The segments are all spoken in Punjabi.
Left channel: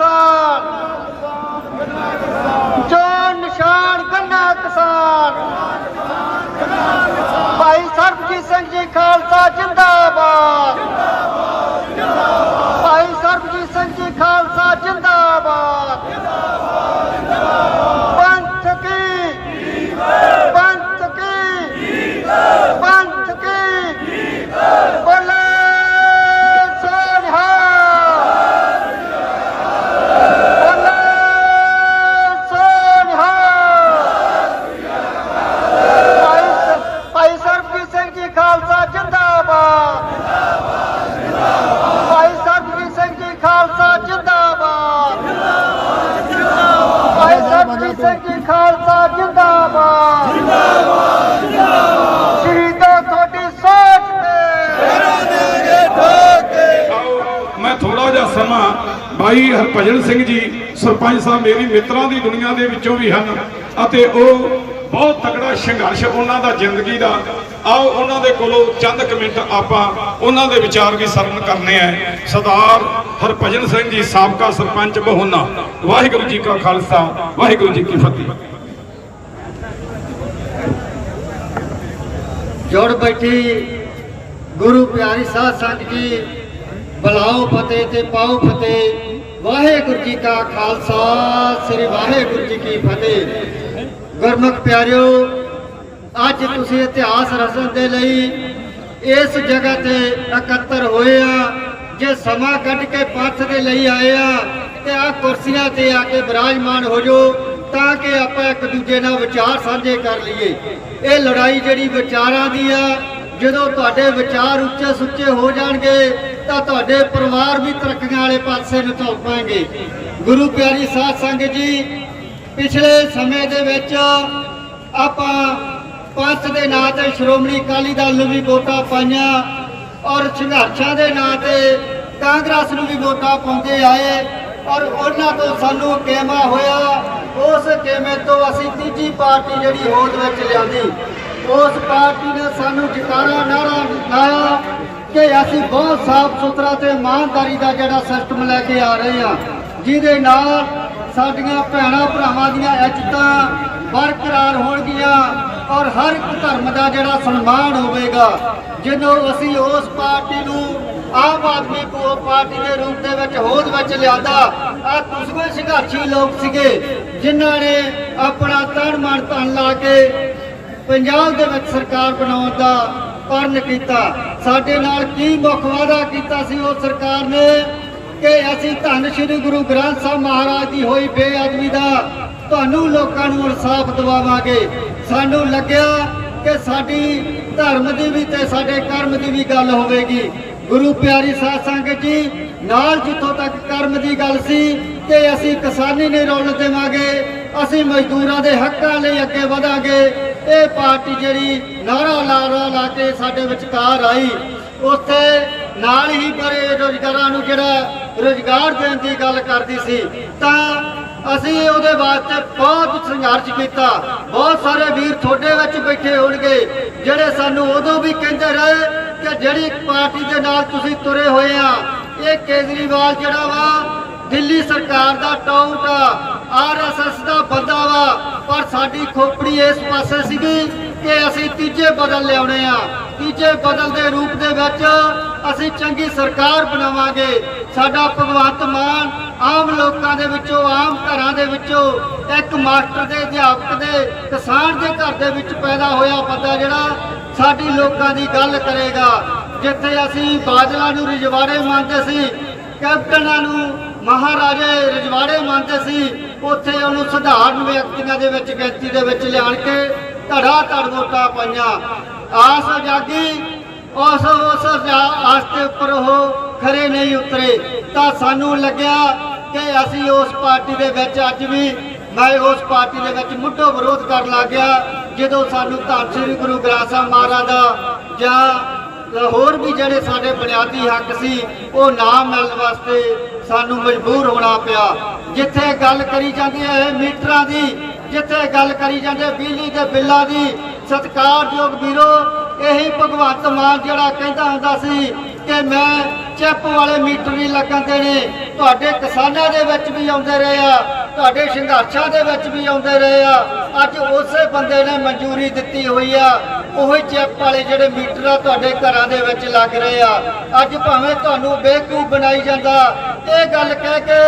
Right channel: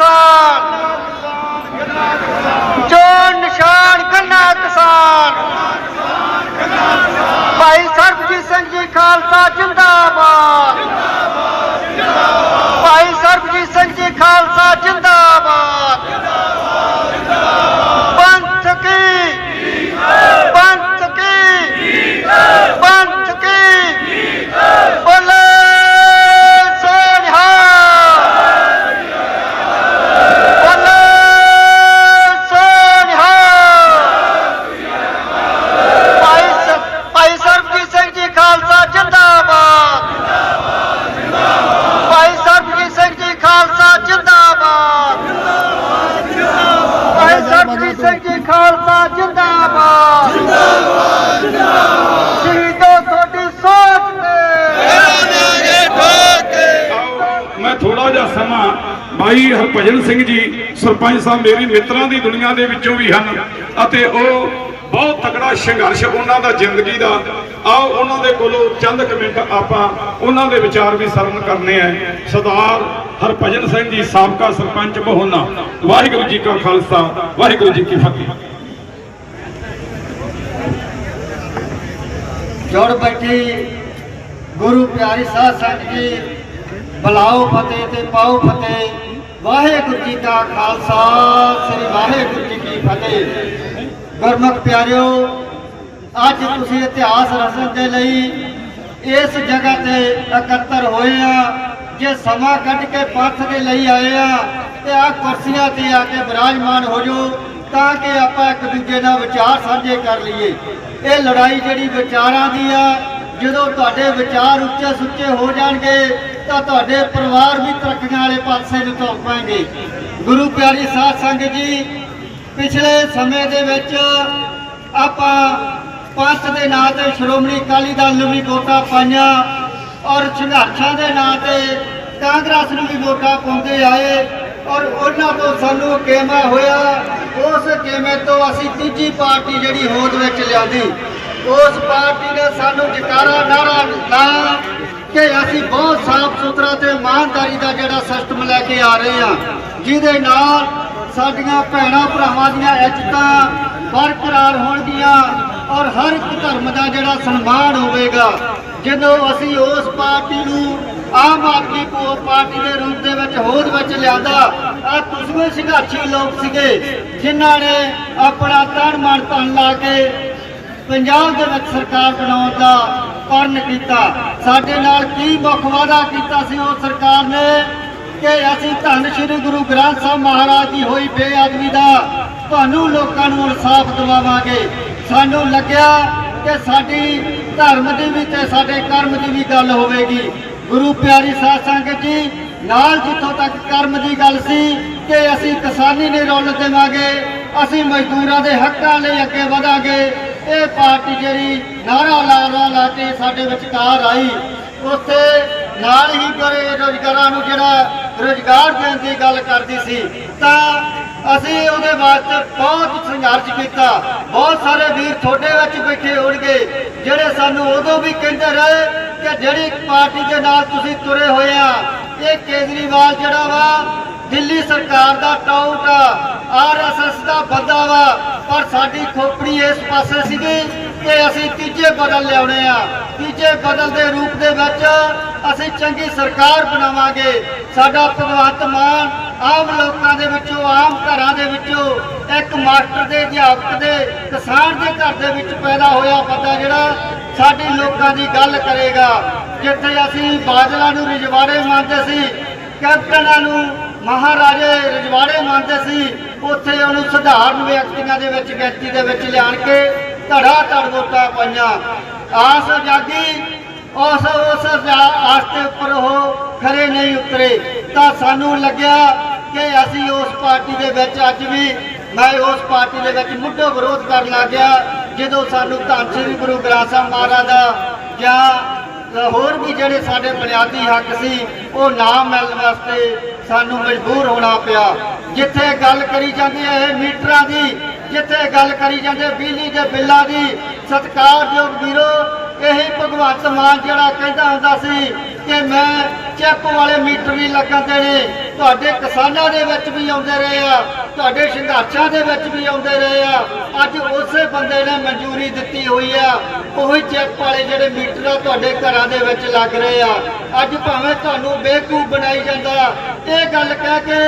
ਕਿਸਾਨ। ਜੋ ਨਿਸ਼ਾਨ ਗੰਨਾ ਕਿਸਾਨ। ਭਾਈ ਸਰਬਜੀਤ ਸਿੰਘ ਜੀ ਖਾਲਸਾ ਜਿੰਦਾਬਾਦ ਜਿੰਦਾਬਾਦ। ਭਾਈ ਸਰਬਜੀਤ ਸਿੰਘ ਜੀ ਖਾਲਸਾ ਜਿੰਦਾਬਾਦ। ਭਾਈ ਹਰਭਜਨ ਸਿੰਘ ਜੀ ਸਰਪੰਚ ਸਾਹਿਬ ਮੇਰੀ ਮਿੱਤਰਾਂ ਦੀ ਦੁਨੀਆ ਦੇ ਵਿੱਚੋਂ ਵੀ ਹਨ ਅਤੇ ਉਹ ਬਹੁਤ ਤਕੜਾ ਸੰਘਰਸ਼ ਉਹਨਾਂ ਦਾ ਜ਼ਿੰਦਗੀ ਦਾ। ਆਓ ਉਹਨਾਂ ਦੇ ਕੋਲੋਂ ਚੰਦ ਕੁ ਆਪਾਂ ਉਹਨਾਂ ਦੇ ਵਿਚਾਰ ਵੀ ਸਰਵਣ ਕਰਨੇ ਆ। ਸਰਦਾਰ ਹਰਭਜਨ ਸਿੰਘ ਜੀ, ਸਾਬਕਾ ਸਰਪੰਚ ਬਹੋਨਾ, ਵਾਹਿਗੁਰੂ ਜੀ ਕਾ ਖਾਲਸਾ, ਵਾਹਿਗੁਰੂ ਜੀ ਕੀ ਫਤਿਹ। ਜੁੜ ਬੈਠੀ ਗੁਰੂ ਪਿਆਰੀ ਸਾਧ ਸੰਗਤ ਜੀ ਬਲਾਓ ਫਤਿਹ ਤੇ ਪਾਓ ਫਤਿਹ। ਵਾਹਿਗੁਰੂ ਜੀ ਕਾ ਖਾਲਸਾ, ਸ੍ਰੀ ਵਾਹਿਗੁਰੂ ਜੀ ਕੀ ਫਤਿਹ। ਗੁਰਮੁਖ ਪਿਆਰਿਓ, ਅੱਜ ਤੁਸੀਂ ਇਤਿਹਾਸ ਰਚਣ ਦੇ ਲਈ ਇਸ ਜਗ੍ਹਾ ਤੇ ਇਕੱਤਰ ਹੋਏ ਆ, ਜੇ ਸਮਾਂ ਕੱਢ ਕੇ ਪੰਥ ਦੇ ਲਈ ਆਏ ਆ, ਤੇ ਆ ਕੁਰਸੀਆਂ ਤੇ ਆ ਕੇ ਬਿਰਾਜਮਾਨ ਹੋ ਜਾਓ, ਤਾਂ ਕਿ ਆਪਾਂ ਇੱਕ ਦੂਜੇ ਨਾਲ ਵਿਚਾਰ ਸਾਂਝੇ ਕਰ ਲਈਏ। ਇਹ ਲੜਾਈ ਜਿਹੜੀ ਵਿਚਾਰਾਂ ਦੀ ਆ, ਜਦੋਂ ਤੁਹਾਡੇ ਵਿਚਾਰ ਉੱਚੇ ਸੁੱਚੇ ਹੋ ਜਾਣਗੇ ਤਾਂ ਤੁਹਾਡੇ ਪਰਿਵਾਰ ਵੀ ਤਰੱਕੀਆਂ ਵਾਲੇ ਪਾਸੇ ਨੂੰ ਤੁਰ ਪਾਏਗੇ ਗੁਰੂ ਪਿਆਰੀ ਸਾਧ ਸੰਗਤ ਜੀ, ਪਿਛਲੇ ਸਮੇਂ ਦੇ ਵਿੱਚ ਆਪਾਂ ਪੰਥ ਦੇ ਨਾਂ ਤੇ ਸ਼੍ਰੋਮਣੀ ਅਕਾਲੀ ਦਲ ਨੂੰ ਵੀ ਵੋਟਾਂ ਪਾਈਆਂ ਔਰ ਸੰਘਰਸ਼ਾਂ ਦੇ ਨਾਂ ਤੇ ਕਾਂਗਰਸ ਨੂੰ ਵੀ ਵੋਟਾਂ ਪਾਉਂਦੇ ਆਏ ਔਰ ਉਹਨਾਂ ਤੋਂ ਸਾਨੂੰ ਕੇਮਾ ਹੋਇਆ। ਉਸ ਕੇਮੇ ਤੋਂ ਅਸੀਂ ਤੀਜੀ ਪਾਰਟੀ ਜਿਹੜੀ ਹੋਂਦ ਵਿੱਚ ਲਿਆਂਦੀ। ਉਸ ਪਾਰਟੀ ਨੇ ਸਾਨੂੰ ਜਕਾਰਾ ਨਾਰਾ ਲਾਇਆ ਕਿ ਅਸੀਂ ਬਹੁਤ ਸਾਫ਼ ਸੁਥਰਾ ਤੇ ਇਮਾਨਦਾਰੀ ਦਾ ਜਿਹੜਾ ਸਿਸਟਮ ਲੈ ਕੇ ਆ ਰਹੇ ਹਾਂ, ਜਿਹਦੇ ਨਾਲ ਸਾਡੀਆਂ ਭੈਣਾਂ ਭਰਾਵਾਂ ਦੀਆਂ ਇੱਜ਼ਤਾਂ ਬਰਕਰਾਰ ਹੋਣਗੀਆਂ ਔਰ ਹਰ ਇੱਕ ਧਰਮ ਦਾ ਜਿਹੜਾ ਸਨਮਾਨ ਹੋਵੇਗਾ। ਜਦੋਂ ਅਸੀਂ ਉਸ ਪਾਰਟੀ ਨੂੰ ਆਮ ਆਦਮੀ ਪਾਰਟੀ ਦੇ ਰੂਪ ਦੇ ਵਿੱਚ ਹੋਂਦ ਵਿੱਚ ਲਿਆਂਦਾ ਆ ਦੁਸ਼ਮਣ ਸੰਘਰਸ਼ੀ ਲੋਕ ਸੀਗੇ, ਜਿਨ੍ਹਾਂ ਨੇ ਆਪਣਾ ਤਨ ਮਨ ਧਨ ਲਾ ਕੇ ਪੰਜਾਬ ਦੇ ਵਿੱਚ ਸਰਕਾਰ ਬਣਾਉਣ ਦਾ ਕਰਨ ਕੀਤਾ। ਸਾਡੇ ਨਾਲ ਕੀ ਮੁੱਖ ਵਾਅਦਾ ਕੀਤਾ ਸੀ ਉਹ ਸਰਕਾਰ ਨੇ ਕਿ ਅਸੀਂ ਧੰਨ ਸ਼੍ਰੀ ਗੁਰੂ ਗ੍ਰੰਥ ਸਾਹਿਬ ਮਹਾਰਾਜ ਦੀ ਹੋਈ ਬੇਅਦਬੀ ਦਾ ਤੁਹਾਨੂੰ ਲੋਕਾਂ ਨੂੰ ਇਨਸਾਫ ਦਿਵਾਵਾਂਗੇ। ਸਾਨੂੰ ਲੱਗਿਆ ਕਿ ਸਾਡੀ ਧਰਮ ਦੀ ਵੀ ਤੇ ਸਾਡੇ ਕਰਮ ਦੀ ਵੀ ਗੱਲ ਹੋਵੇਗੀ। ਗੁਰੂ ਪਿਆਰੀ ਸਾਧ ਸੰਗਤ ਜੀ, ਨਾਲ ਜਿੱਥੋਂ ਤੱਕ ਕਰਮ ਦੀ ਗੱਲ ਸੀ ਕਿ ਅਸੀਂ ਕਿਸਾਨੀ ਨੇ ਰੋਲ ਦੇਵਾਂਗੇ, ਅਸੀਂ ਮਜ਼ਦੂਰਾਂ ਦੇ ਹੱਕਾਂ ਲਈ ਅੱਗੇ ਵਧਾਂਗੇ ਇਹ ਪਾਰਟੀ ਜਿਹੜੀ ਨਾਰਾ ਲਾ ਲਾ ਲਾ ਕੇ ਸਾਡੇ ਵਿਚਕਾਰ ਆਈ, ਉੱਥੇ ਨਾਲ ਹੀ ਬੜੇ ਰੋਜ਼ਗਾਰਾਂ ਨੂੰ ਜਿਹੜਾ ਰੋਜ਼ਗਾਰ ਦੇਣ ਦੀ ਗੱਲ ਕਰਦੀ ਸੀ, ਤਾਂ ਅਸੀਂ ਉਹਦੇ ਵਾਸਤੇ ਬਹੁਤ ਸੰਘਰਸ਼ ਕੀਤਾ। ਬਹੁਤ ਸਾਰੇ ਵੀਰ ਤੁਹਾਡੇ ਵਿੱਚ ਬੈਠੇ ਹੋਣਗੇ, ਜਿਹੜੇ ਸਾਨੂੰ ਉਦੋਂ ਵੀ ਕਹਿੰਦੇ ਰਹੇ ਕਿ ਜਿਹੜੀ ਪਾਰਟੀ ਦੇ ਨਾਲ ਤੁਸੀਂ ਤੁਰੇ ਹੋਏ ਆ, ਇਹ ਕੇਜਰੀਵਾਲ ਜਿਹੜਾ ਵਾ, ਦਿੱਲੀ ਸਰਕਾਰ ਦਾ ਟਾਊਟ ਆ ਆਰਐਸਐਸ ਦਾ ਬੰਦਾ ਵਾ, ਪਰ ਸਾਡੀ ਖੋਪੜੀ ਇਸ ਪਾਸੇ ਸੀਗੀ ਕਿ ਅਸੀਂ ਤੀਜੇ ਬਦਲ ਲਿਆਉਣੇ ਆ। ਤੀਜੇ ਬਦਲ ਦੇ ਰੂਪ ਦੇ ਵਿੱਚ ਅਸੀਂ ਚੰਗੀ ਸਰਕਾਰ ਬਣਾਵਾਂਗੇ। ਸਾਡਾ ਭਗਵੰਤ ਮਾਨ ਆਮ ਲੋਕਾਂ ਦੇ ਵਿੱਚੋਂ, ਆਮ ਘਰਾਂ ਦੇ ਵਿੱਚੋਂ, ਇੱਕ ਮਾਸਟਰ ਦੇ, ਅਧਿਆਪਕ ਦੇ, ਕਿਸਾਨ ਦੇ ਘਰ ਦੇ ਵਿੱਚ ਪੈਦਾ ਹੋਇਆ ਬੰਦਾ ਜਿਹੜਾ ਸਾਡੀ ਲੋਕਾਂ ਦੀ ਗੱਲ ਕਰੇਗਾ। ਜਿੱਥੇ ਅਸੀਂ ਬਾਦਲਾਂ ਨੂੰ ਰਿਜਵਾੜੇ ਮੰਨਦੇ ਸੀ, ਕੈਪਟਨਾਂ ਨੂੰ ਮਹਾਰਾਜੇ ਰਜਵਾੜੇ ਮੰਨਦੇ ਸੀ, ਉੱਥੇ ਉਹਨੂੰ ਸਧਾਰਨ ਵਿਅਕਤੀਆਂ ਦੇ ਵਿੱਚ, ਗਿਣਤੀ ਦੇ ਵਿੱਚ ਲਿਆਣ ਕੇ ਧੜਾ ਧੜ ਵੋਟਾਂ ਪਾਈਆਂ। ਆਸ ਜਾਗੀ, ਉਸ ਉਸ ਆਸ ਦੇ ਉੱਪਰ ਉਹ ਖਰੇ ਨਹੀਂ ਉਤਰੇ। ਤਾਂ ਸਾਨੂੰ ਲੱਗਿਆ ਕਿ ਅਸੀਂ ਉਸ ਪਾਰਟੀ ਦੇ ਵਿੱਚ ਅੱਜ ਵੀ, ਮੈਂ ਉਸ ਪਾਰਟੀ ਦੇ ਵਿੱਚ ਮੁੱਢੋਂ ਵਿਰੋਧ ਕਰਨ ਲੱਗ ਗਿਆ, ਜਦੋਂ ਸਾਨੂੰ ਧੰਨ ਸ੍ਰੀ ਗੁਰੂ ਗ੍ਰੰਥ ਸਾਹਿਬ ਮਹਾਰਾਜ ਦਾ ਜਾਂ ਹੋਰ ਵੀ ਜਿਹੜੇ ਸਾਡੇ ਬੁਨਿਆਦੀ ਹੱਕ ਸੀ, ਉਹ ਨਾ ਮਿਲਣ ਵਾਸਤੇ ਸਾਨੂੰ ਮਜਬੂਰ ਹੋਣਾ ਪਿਆ। ਜਿੱਥੇ ਗੱਲ ਕਰੀ ਜਾਂਦੀ ਹੈ ਇਹ ਮੀਟਰਾਂ ਦੀ, ਜਿੱਥੇ ਗੱਲ ਕਰੀ ਜਾਂਦੇ ਬਿਜਲੀ ਦੇ ਬਿੱਲਾਂ ਦੀ, ਸਤਿਕਾਰਯੋਗ ਵੀਰੋ, ਇਹੀ ਭਗਵੰਤ ਮਾਨ ਜਿਹੜਾ ਕਹਿੰਦਾ ਹੁੰਦਾ ਸੀ ਕਿ ਮੈਂ ਚੈਪ ਵਾਲੇ ਮੀਟਰ ਵੀ ਲੱਗਣ ਦੇਣੇ। ਤੁਹਾਡੇ ਕਿਸਾਨਾਂ ਦੇ ਵਿੱਚ ਵੀ ਆਉਂਦੇ ਰਹੇ ਆ, ਤੁਹਾਡੇ ਸੰਘਰਸ਼ਾਂ ਦੇ ਵਿੱਚ ਵੀ ਆਉਂਦੇ ਰਹੇ ਆ। ਅੱਜ ਉਸੇ ਬੰਦੇ ਨੇ ਮਨਜ਼ੂਰੀ ਦਿੱਤੀ ਹੋਈ ਆ। ਉਹੀ ਚੈਪ ਵਾਲੇ ਜਿਹੜੇ ਮੀਟਰ ਆ ਤੁਹਾਡੇ ਘਰਾਂ ਦੇ ਵਿੱਚ ਲੱਗ ਰਹੇ ਆ। ਅੱਜ ਭਾਵੇਂ ਤੁਹਾਨੂੰ ਬੇਵਕੂਫ ਬਣਾਈ ਜਾਂਦਾ ਇਹ ਗੱਲ ਕਹਿ ਕੇ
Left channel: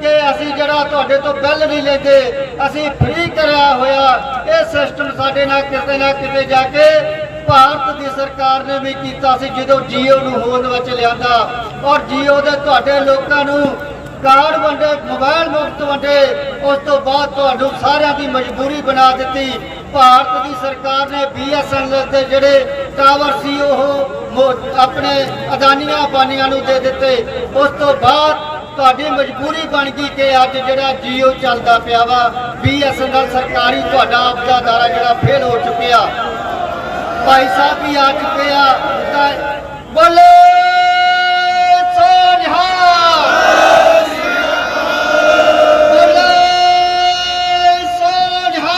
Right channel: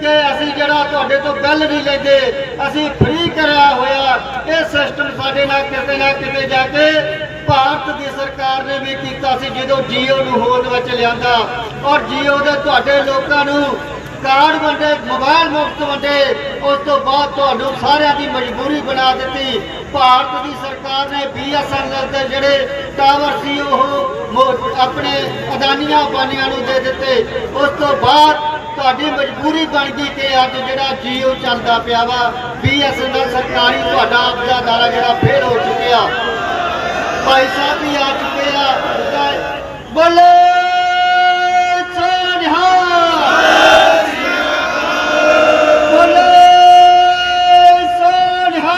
ਕਿ ਅਸੀਂ ਜਿਹੜਾ ਤੁਹਾਡੇ ਤੋਂ ਬਿੱਲ ਨਹੀਂ ਲੈਂਦੇ, ਅਸੀਂ ਫ੍ਰੀ ਕਰਿਆ ਹੋਇਆ। ਇਹ ਸਿਸਟਮ ਸਾਡੇ ਨਾਲ ਕਿਤੇ ਨਾ ਕਿਤੇ ਜਾ ਕੇ ਭਾਰਤ ਦੀ ਸਰਕਾਰ ਨੇ ਵੀ ਕੀਤਾ ਸੀ, ਜਦੋਂ ਜੀਓ ਨੂੰ ਹੋਂਦ ਵਿੱਚ ਲਿਆਂਦਾ। ਔਰ ਜੀਓ ਦੇ ਤੁਹਾਡੇ ਲੋਕਾਂ ਨੂੰ ਕਾਰਡ ਵੰਡੇ ਮੋਬਾਈਲ ਮੁਫਤ ਵੰਡੇ, ਉਸ ਤੋਂ ਬਾਅਦ ਤੁਹਾਨੂੰ ਸਾਰਿਆਂ ਦੀ ਮਜਬੂਰੀ ਬਣਾ ਦਿੱਤੀ। ਭਾਰਤ ਦੀ ਸਰਕਾਰ ਨੇ ਬੀਐਸਐਨਐਲ ਦੇ ਜਿਹੜੇ ਟਾਵਰ ਸੀ, ਉਹ ਆਪਣੇ ਅਦਾਨੀਆਂ ਬਾਨੀਆਂ ਨੂੰ ਦੇ ਦਿੱਤੇ। ਉਸ ਤੋਂ ਬਾਅਦ ਤੁਹਾਡੀ ਮਜਬੂਰੀ ਬਣ ਗਈ ਤੇ ਅੱਜ ਜਿਹੜਾ ਜੀਓ ਚੱਲਦਾ ਪਿਆ ਵਾ ਬੀਐਸਐਨਐਲ ਸਰਕਾਰੀ ਤੁਹਾਡਾ ਆਪਦਾ ਦਾਰਾ ਜਿਹੜਾ ਫੇਲ ਹੋ ਚੁੱਕਿਆ। ਭਾਈ ਸਾਹਿਬ ਵੀ ਆ ਚੁੱਕੇ ਆ। ਬੋਲੇ ਸੋਨਿਹਾ ਬੋਲੇ ਸੋਨਿਹਾ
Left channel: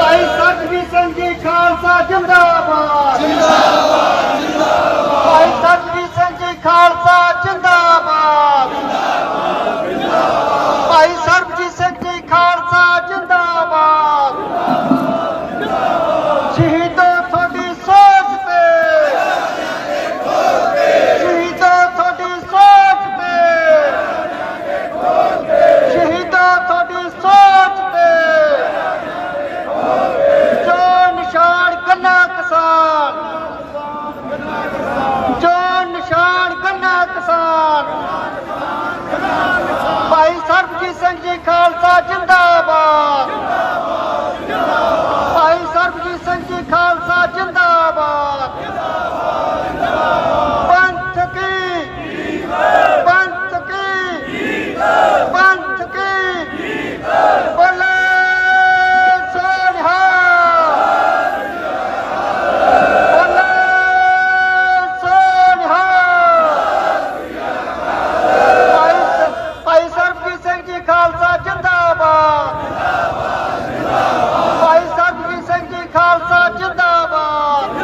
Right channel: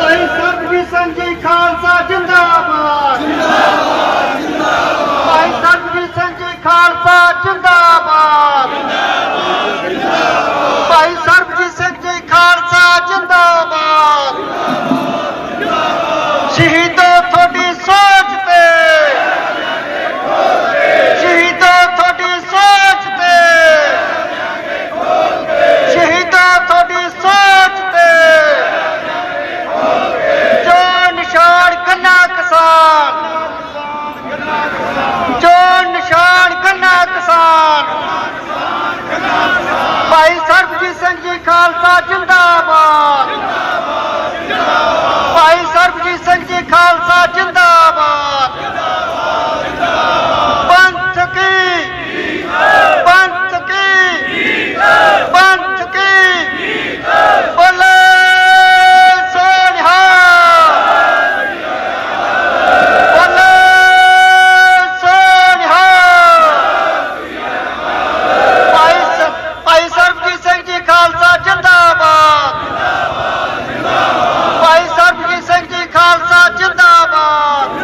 ਭਾਈ ਸਤਿਗੁਰੂ ਸਿੰਘ ਜੀ ਖਾਲਸਾ ਜਿੰਦਾਬਾਦ ਜਿੰਦਾਬਾਦ ਜਿੰਦਾਬਾਦ ਭਾਈ ਸਤਿਗੁਰੂ ਸਿੰਘ ਜੀ ਖਾਲਸਾ ਜਿੰਦਾਬਾਦ ਭਾਈ ਸਰਬਜੀਤ ਸਿੰਘ ਜੀ ਖਾਲਸਾ ਜਿੰਦਾਬਾਦ ਸ਼ਹੀਦੋ ਤੁਹਾਡੀ ਸੋਚ ਤੇ ਸ਼ਹੀਦੋ ਤੁਹਾਡੀ ਸੋਚ ਤੇ ਸ਼ਹੀਦੋ ਤੁਹਾਡੀ ਸੋਚ ਤੇ ਜੋ ਨਿਸ਼ਾਨ ਗੰਨਾ ਕਿਸਾਨ ਜੋ ਨਿਸ਼ਾਨ ਗੰਨਾ ਕਿਸਾਨ ਭਾਈ ਸਰਬਜੀਤ ਸਿੰਘ ਜੀ ਖਾਲਸਾ ਜਿੰਦਾਬਾਦ। ਭਾਈ ਸਰਬਜੀਤ ਸਿੰਘ ਜੀ ਖਾਲਸਾ ਜਿੰਦਾਬਾਦ ਪੰਥ ਕੀ ਪੰਥ ਕੀ ਪੰਥ ਕੀ ਬੋਲੇ ਸੋਨਿਹਾ ਬੋਲੇ ਸੋਨਿਹਾ ਭਾਈ ਸ- ਭਾਈ ਸਰਬਜੀਤ ਸਿੰਘ ਜੀ ਖਾਲਸਾ ਜਿੰਦਾਬਾਦ ਭਾਈ ਸਰਬਜੀਤ ਸਿੰਘ ਜੀ ਖਾਲਸਾ ਜਿੰਦਾਬਾਦ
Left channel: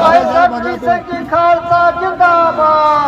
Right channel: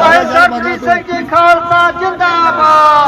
ਭਾਈ ਸਰਬਜੀਤ ਸਿੰਘ ਜੀ ਖਾਲਸਾ ਜਿੰਦਾਬਾਦ।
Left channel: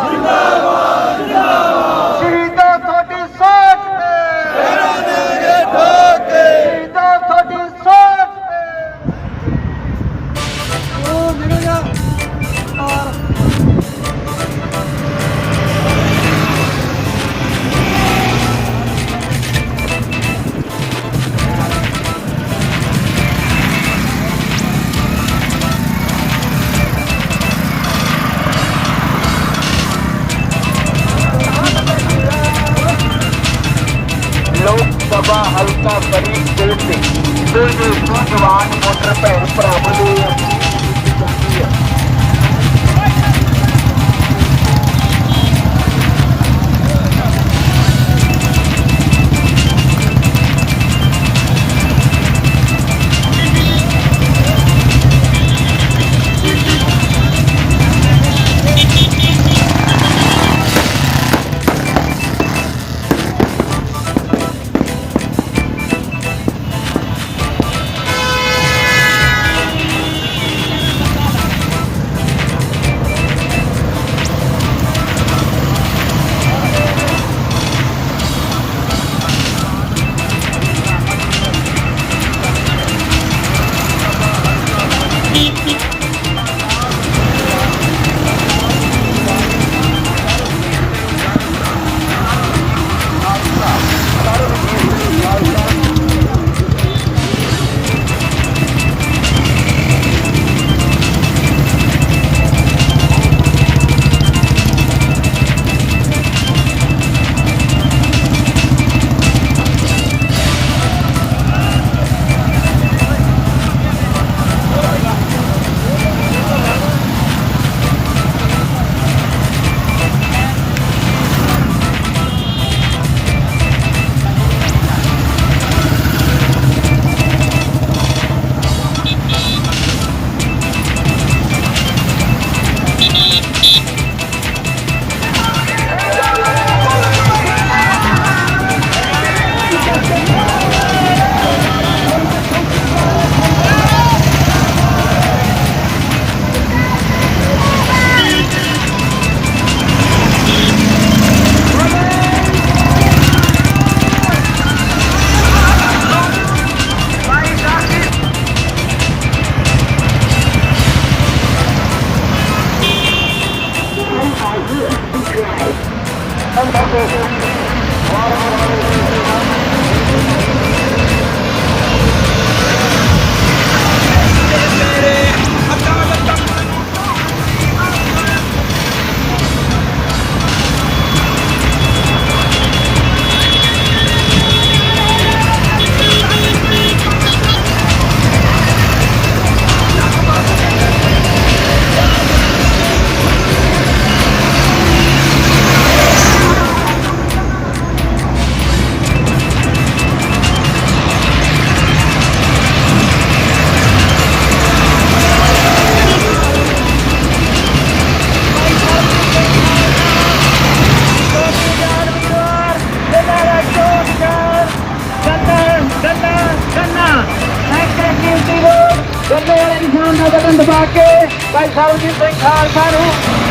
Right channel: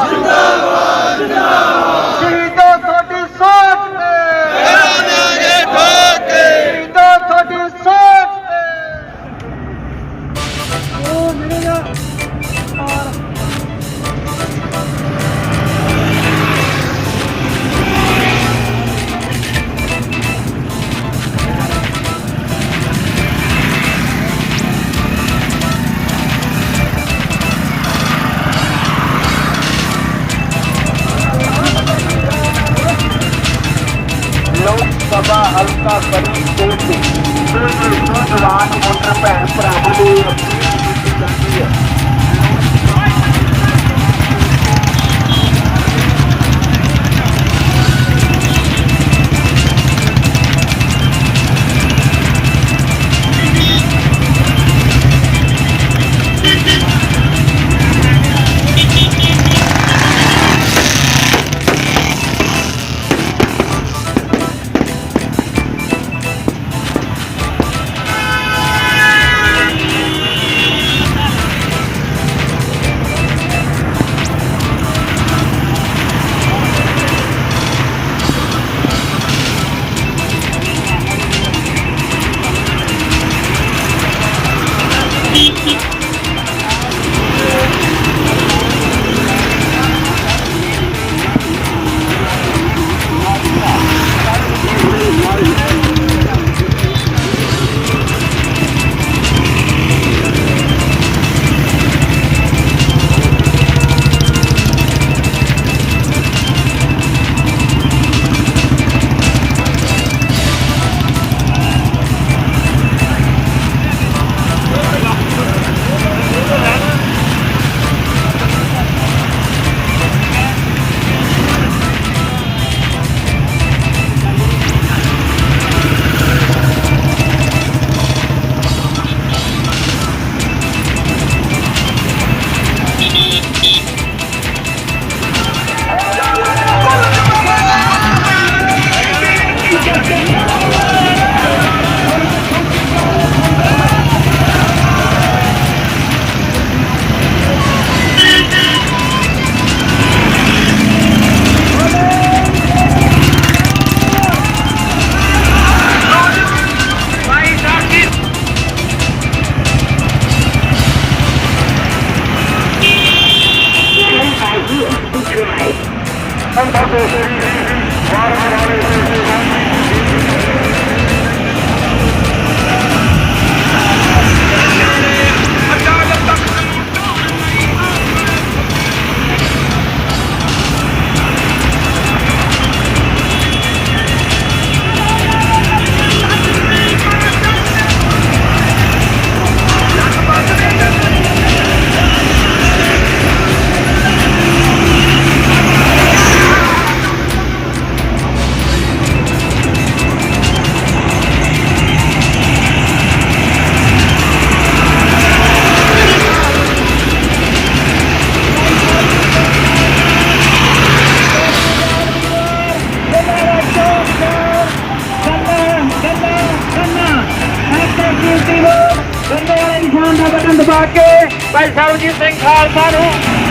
ਸੰਗੋਲ ਕਿਸਾਨ ਕੇ। ਭਾਈ ਸਰਬਜੀਤ ਸਿੰਘ ਖਾਲਸਾ ਨੂੰ